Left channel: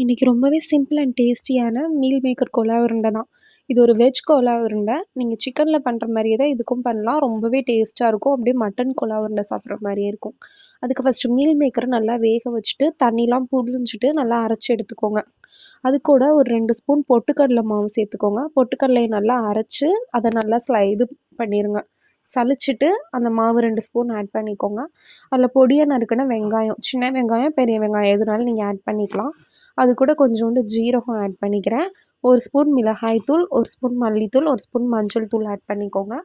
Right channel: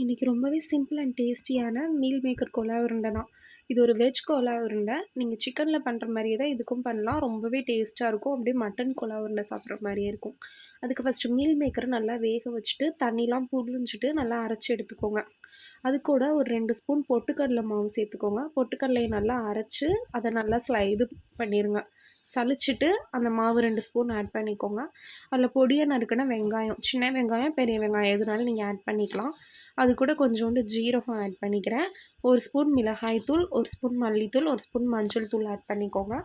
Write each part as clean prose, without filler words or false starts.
இன்றைக்கி ரொம்பவே simple and டேஸ்டியான மீல் மேக்கர் கோலா உருண்டை தான். இது ஒரு வெஜ் கோலா உருண்டை. நீங்கள் சிக்கனில் பண்ணுற மாதிரியே தான் இதுக்கும் பண்ணலாம். ரொம்பவே டேஸ்ட்டாக இருக்கும். அப்படியே மட்டன் கோலா உருண்டை சாப்பிட்ற மாதிரியே இருக்கும். அதுக்கு ஃபஸ்ட்டு மீல் மேக்கரை நல்லா வேக வச்சுட்டு தண்ணிலாம் புழிஞ்சிட்டு நல்லா அரைச்சி எடுத்துக்கோங்க. அது கூட ஒரு 2 ஸ்பூன் பொட்டுக்கடலை மாவு சேர்த்துக்கோங்க. பொட்டுக்கடலையை நல்லா அரைச்சி அதை நல்லா இது பண்ணிடுங்க. சலிச்சிட்டு அந்த மாவு 2 ஸ்பூன் ஆட் பண்ணிக்கோங்க. அதில் பொடியாக நறுக்கின வெங்காயம், சின்ன வெங்காயம் பெரிய வெங்காயம் எதுனாலும் நீங்கள் ஆட் பண்ணிக்கலாம். அது கூட கொஞ்சோண்டு ஜீரகம் ஆட் பண்ணிக்கிறேன். 1 ஸ்பூன் மிளகாய்த்தூள், 1 ஸ்பூன் மல்லித்தூள், 1 ஸ்பூன் மஞ்சள் தூள் ஆட் பண்ணிக்கோங்க.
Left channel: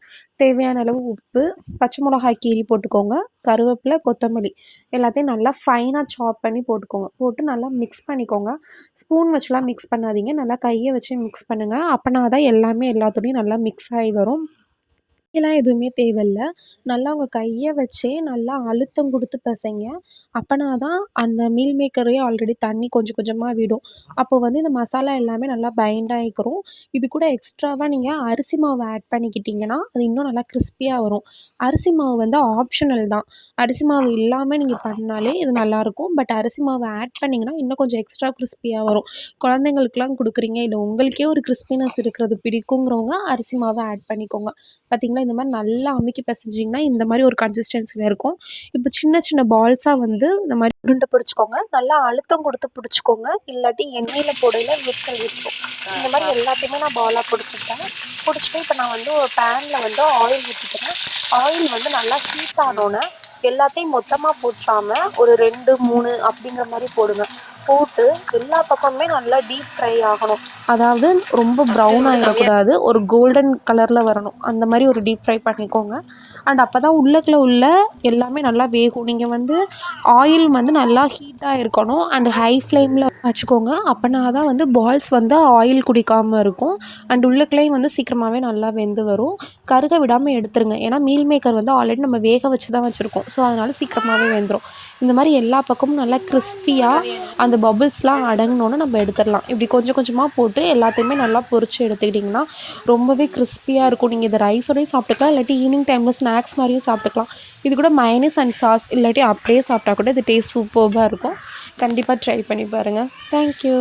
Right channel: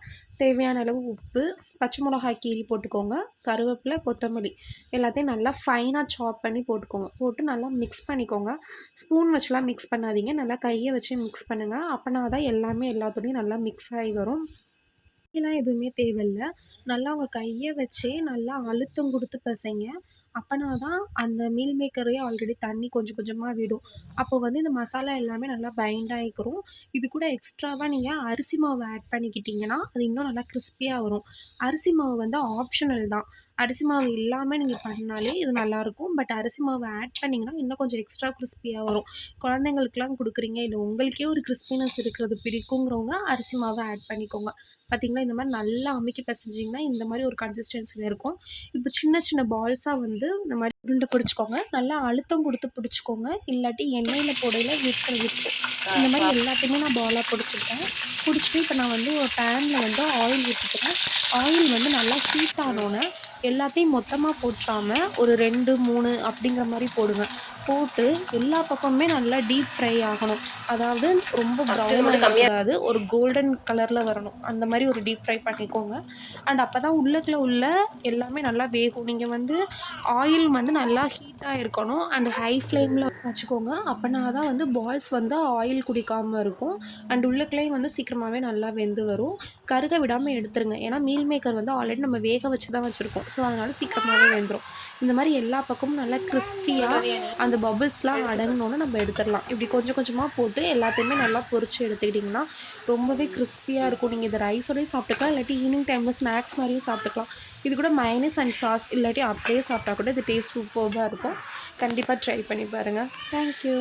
தேவையான அளவு உப்பு, பச்சை மிளகாய் கீரி போட்டுக்கோங்க. கருவேப்பிலை, கொத்தமல்லி எல்லாத்தையும் நல்லா ஃபைனாக சாப் பண்ணி போட்டுக்கோங்க. போட்டு நல்லா மிக்ஸ் பண்ணிக்கோங்க. ஸ்பூன் வச்சுலாம் மிக்ஸ் பண்ணாதீங்க. நல்லா கையை வச்சு மிக்ஸ் பண்ணுங்கள். அப்போனா தான் எல்லாமே எல்லாத்தோடையும் நல்லா மிக்ஸ் ஆகி வரும். எல்லாம் எதுவுமே தேவையில்ல. நல்லா உங்கள் கையை வச்சே நல்லா அழுத்தம் கொடுத்து பிசைங்க. அப்போனா தான் அந்த மீல் மேக்கரே ஆல்ரெடி தண்ணி கொஞ்சம் கொஞ்சமாக விடும். அப்போ வந்து இந்த மசாலா எல்லாமே நல்லா பைண்ட் ஆகிக்கிறோம். இது கூட எக்ஸ்ட்ராவாக நீங்கள் அரிசி மாவு ஆட் பண்ணிக்கிட்டிங்கன்னா அது இன்னும் நல்லா கிறிஸ்பியாக வரும். அரிசி மாவு வந்து ஆப்ஷனல் தான். அரிசி மாவு இல்லாமல் நீங்கள் பண்ணாலே இது நல்லாயிருக்கும். பட் அரிசி மாவு ஆட் பண்ணிங்கன்னா இன்னும் கொஞ்சம் எக்ஸ்ட்ரா கிறிஸ்பியாக வரும். குழந்தைங்களுக்குலாம் கொடுக்குறீங்க, இல்லை உங்களுக்கே ஒரு கிறிஸ்பினஸ் இருக்கிறது பிடிக்குங்கிறவங்க அரிசி மாவை ஆட் பண்ணிக்கோங்க. பார்த்திங்களா, இந்த மாதிரி நல்லா அமுக்கி பிசைஞ்சிங்கன்னா இந்த மாதிரி ஒரு கன்சிஸ்டன்சியில் இருக்கும். இப்போ சின்ன சின்ன பால்ஸாக வந்து இந்த மாதிரி உருண்டை பிடிச்சிக்கோங்க. நல்லா அழுத்தம் கொடுத்து பிடிச்சிக்கோங்க. இல்லாட்டி எண்ணெயில் போடையில் இருக்கும். இந்த மாதிரி எல்லாத்தையுமே நான் பாலாக பிடிச்சிருக்கேன். பிடிச்சிட்டு இப்போ நான் வந்து ஒரு பேனில் வந்து ஆயில் ஊற்றிக்கிறேன். ஆயில் வந்து நல்லா ஹீட் ஆனோன்னே எல்லாத்தையும் மொத்தமாக போட்டாமல் ஒரு 2, 3 அப்படிங்கிற மாதிரி போடுங்க. போட்டு எல்லா பக்கமுமே நல்லா டீப் ஃப்ரை ஆகணும். அதாவது ரொம்ப ப்ரௌன் ஆகிடக்கூடாது, ஒரு கோல்டன் கலரில் வரணும். அந்த மாதிரி ஒரு டீப் ஃப்ரை பண்ணிக்கோங்க. அண்ட் அப்போ தான் உள்ளக்குள்ள உள்ள எல்லாமே நல்லா வேகும். நீங்கள் வந்து ஆயில் வந்து நல்லா ஹீட்டாக இருக்கணும். அண்ட் ஹை ஃப்ளேமில் வச்சுக்கோங்க. அப்போனா தான் வந்து பால்ஸ் வந்து ஆயில் குடிக்காமல் இருக்கும். அண்ட் உள்ளக்குள்ளேயும் வந்து சீக்கிரமாகவே நல்லா வெந்து வரும். கருக விடாமல் எடுத்துருங்க. ஏன்னா மீல் மேக்கர் வந்து ஆல்ரெடி நம்ம வேக வச்சு தான் வச்சுருக்கோம். ஸோ அதனால் சீக்கிரமாகவே வெந்துடும். இந்த மாதிரி எல்லா பக்கமும் நல்லா கிறிஸ்பியாக அந்த பபுள்ஸ்லாம் அடங்கினோன்னு நம்ம எடுத்துடலாம். இப்படி கொஞ்சம் கொஞ்சமாக போட்டு எல்லாத்தையுமே நல்லா பொரித்து எடுத்துக்கிட்டிங்கன்னா ரொம்பவே கிறிஸ்பியாக இருக்கும். நீங்கள் இதை ரைஸோடய சாப்பிட்டுக்கலாம், இல்லாட்டி ஈவினிங் டைமில் ஸ்நாக்ஸ் மாதிரியும் சாப்பிட்டுக்கலாம். இது கூட மைனஸ் அண்ட் சாஸ் இல்லாட்டி அப்படியே சாப்பிட்டா கூட இது டேஸ்ட் சூப்பர்பாக இருக்கும். கண்டிப்பாக ட்ரை பண்ணி பாருங்கள். தேங்க்யூ.